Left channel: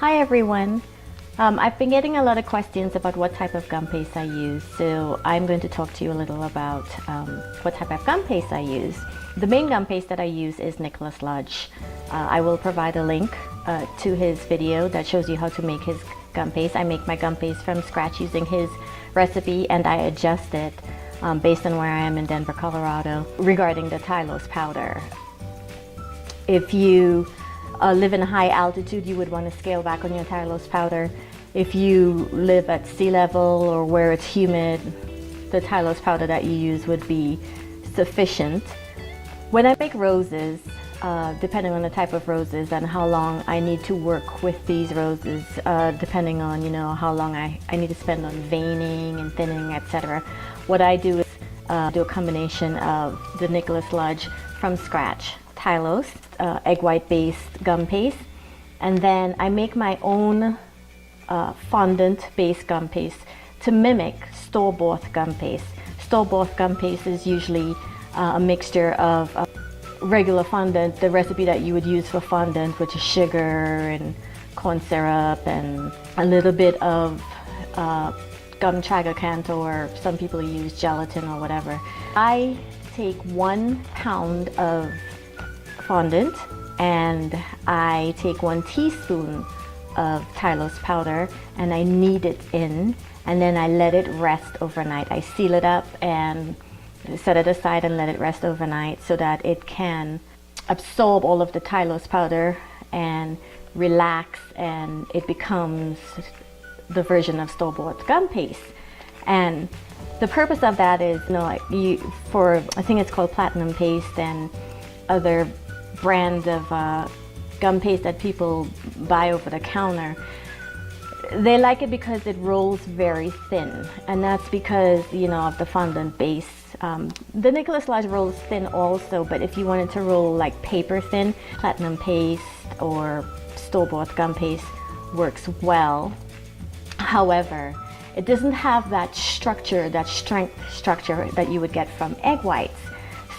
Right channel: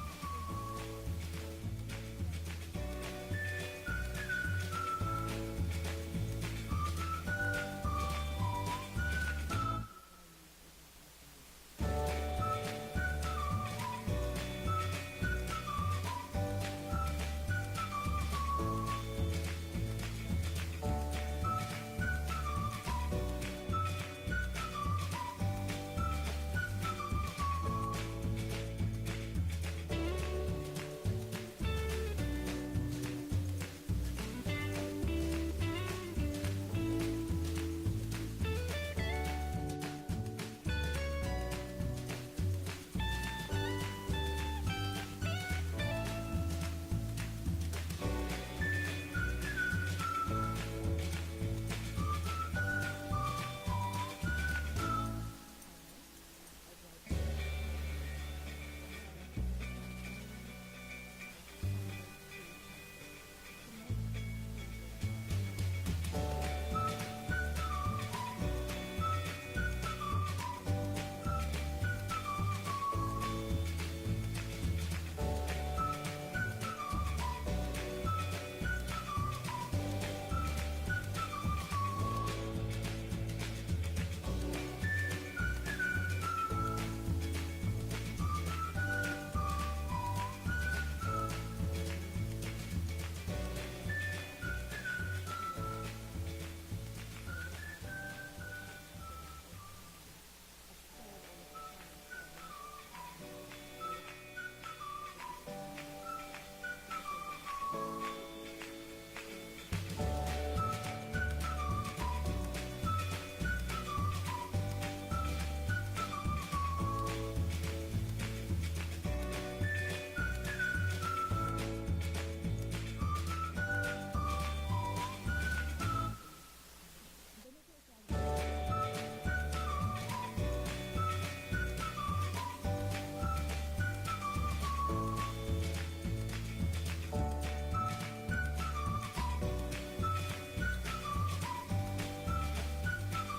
Hi everyone. I've been getting a lot of questions about what type of gum paste I use, so I'm going to talk to you a little about what type of gum paste I use. The main gum paste that I use is Nicholas Lodge. I will provide a link to his video that shows you how to make his gum paste. I make my gum paste from scratch using his recipe, and I adjust it based on where I am in Denver, Colorado, regarding the Tylose powder. If you live in a high altitude, you would want to scale back on your Tylose powder. If you live at sea level or where it's humid, the Tylose powder that you use would be sufficient. When I make roses, depending on the type of roses and how long I need to work with these roses, depending on how long I need to spend on veining and thinning, etc. What I do is do a combination of the Nicholas Lodge from scratch, Tylose, egg white based gum paste, and then I make my own fondant based gum paste to mimic store-bought gum paste. Store-bought gum paste is usually a mixture of regular fondant, the recipe that you would use for fondant, which is sugar and corn syrup and a little bit of gum tragacanth, or some people use gelatin or whatever. I take 1 pound of fondant and I take 1 teaspoon of Tylose powder and I knead it in, and then I let it rest overnight. I seal it up and set it aside and let it rest overnight so that it can absorb all of the Tylose powder and relax, and it becomes the version of store-bought gum paste. And the purpose of that is, for I think it's called platinum paste and other brands of gum paste that people buy over the counter, they like it because it rolls very thin, and that's because of the fondant base. The Nicholas Lodge rolls thin also, but if you wanted to roll like paper thin, platinum paste or store-bought gum paste works well. However, it doesn't have that structure, that strength structure that you would get from egg whites.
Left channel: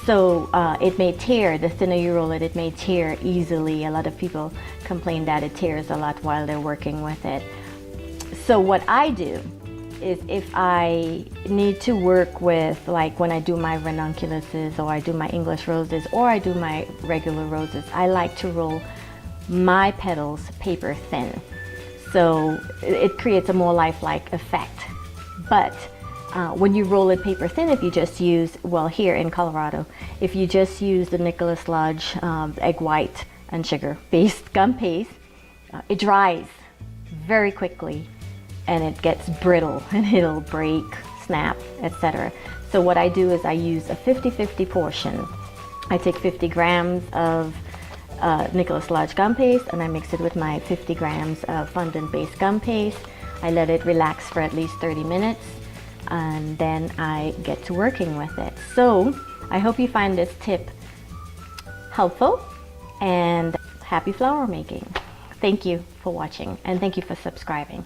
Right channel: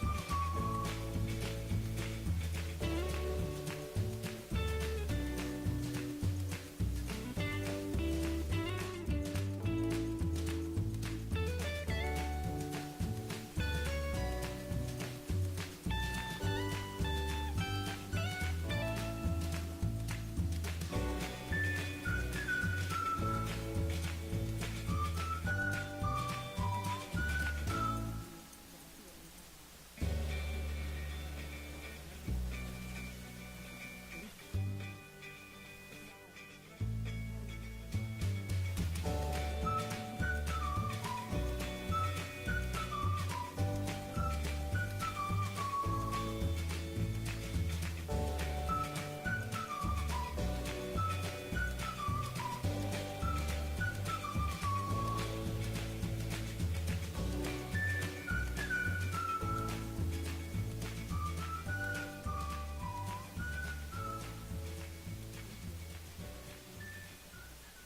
So it may tear. The thinner you roll it, it may tear easily. A lot of people complain that it tears a lot while they're working with it. So what I do is, if I need to work with, like when I do my ranunculuses or I do my English roses or I do my regular roses, I like to roll my petals paper thin. So it creates a more lifelike effect. But when you roll it paper thin, if you just use, well, here in Colorado, if you just use the Nicholas Lodge egg white and sugar based gum paste, it dries very quickly and it gets brittle and it'll break, snap, etc. So what I do is I use a 50-50 portion. I take 50 grams of Nicholas Lodge gum paste and I mix it with my 50 grams of fondant based gum paste. I let it relax for at least 30 minutes and then I get to working with it. So I hope you find this tip helpful, and happy flower making. Thank you for watching, and thank you for subscribing.